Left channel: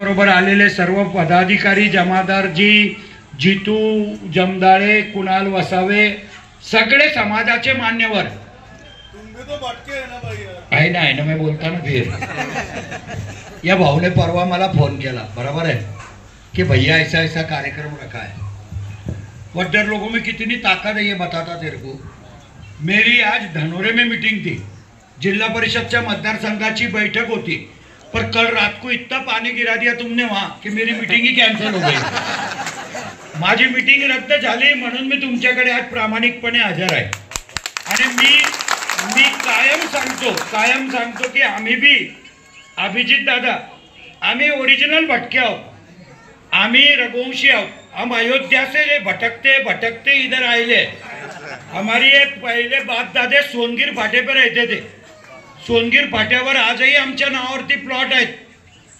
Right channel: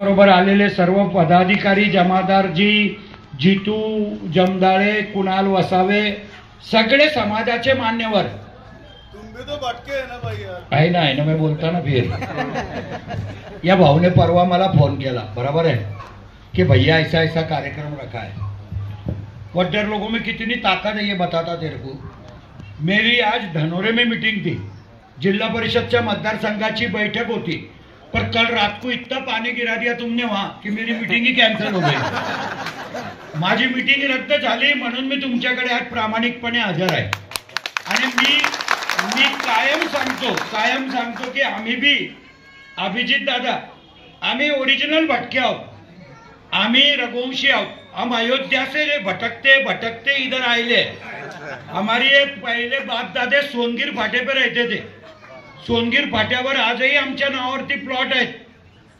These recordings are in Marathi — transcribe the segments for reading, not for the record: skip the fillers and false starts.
बरोबर आलेले सर्व पदाधिकारी, जमादार जी, जितू जमदाळे, कुणाल वसावे, सगळे समाजाचे मान्यवर। तुम भी तो भटके है ना भाई यार। आहे ना मैं बोलता ना फिर या भाऊ ने परवा मला फोन केला, बराबर है कि भैया ऐसा ऐसा कार्यक्रम रखा है। वड्डर लोगों में कितनी ताकत है ये बताता तेरे को। मेरी आज धनोरे में मीटिंग थी, जिला परिषद मतदार संघाची बैठक होती, पर कल रात को इतना पानी गिरा दिया तुमने वहां कि मेरी मीटिंग ही कैंसिल हो गई। माझी मीटिंग रद्द झाली म्हणून मी तुमच्याकडे आज प्रामाणिकपणे हजर आहे। आणि मी कायम सांगतो की आम्ही भी अभिजित दादा, आम्ही ओरिजिनल भटके आहोत, आम्ही रघुवंशी आहोत। हम अयोध्या से ये भटकते इधर आए। हमारी ये पहले बाप दादे सोनगीर फाटे पे रहते थे। सोनगीर फाट्यावर आजही आमच्या नावावरती प्लॉट आहेत,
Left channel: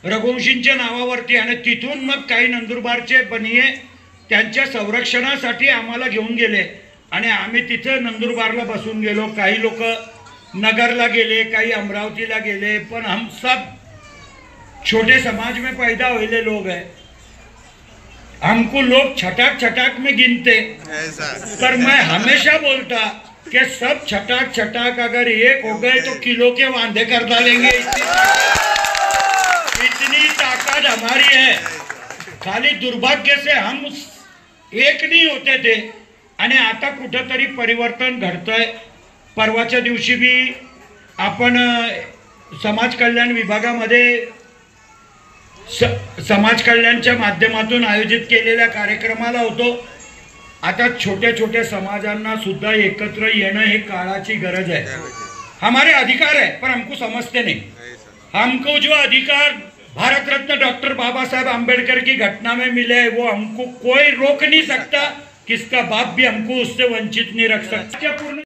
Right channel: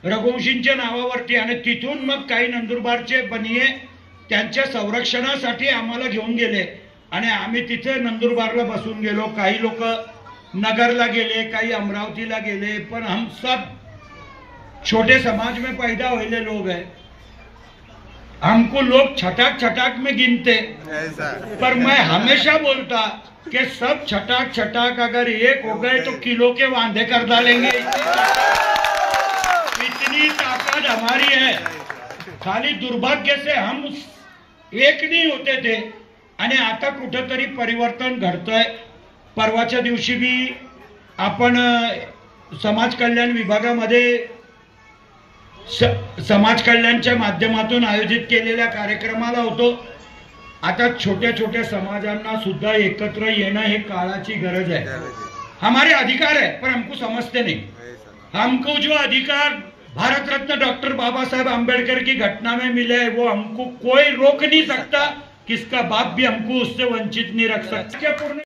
रघुवंशींच्या नावावरती। आणि तिथून मग काही नंदुरबारचे बनिये त्यांच्या संरक्षणासाठी आम्हाला घेऊन गेले आणि आम्ही तिथे नंदुरबारला बसून गेलो। काही लोक नगरला गेले, काही अमरावतीला गेले, पण हम सब छोटे समाज में पैदा हुए लोग हैं। हमको लोग छटाक में गिनते, पर मैं हमेशा बोलता कि सब छटाक अगर एक हो गए तो किलो के वांदे कर डालेंगे। इतनी ताकत हमारी है। खाली दुर्भाग्य से हम एक नहीं होते थे आणि आता कुठेतरी परिवर्तन घडतंय। परवाच्या दिवशी भी आपण समाज कल्याण विभागामध्ये समाज कल्याणच्या माध्यमातून आयोजित केलेल्या कार्यक्रमाला होतो। आता छोटे समाजांना सुद्धा एकत्र येणं हे काळाची गरज है। हमारे अधिकार है पर हमको समझते नहीं। हमको जो अधिकार भारत रत्न डॉक्टर बाबा साहेब आंबेडकर की घटना में मिले है, वो हमको कोई रोक नहीं सकता। किसका बाप भी हमको उससे वंचित नहीं रख सकता।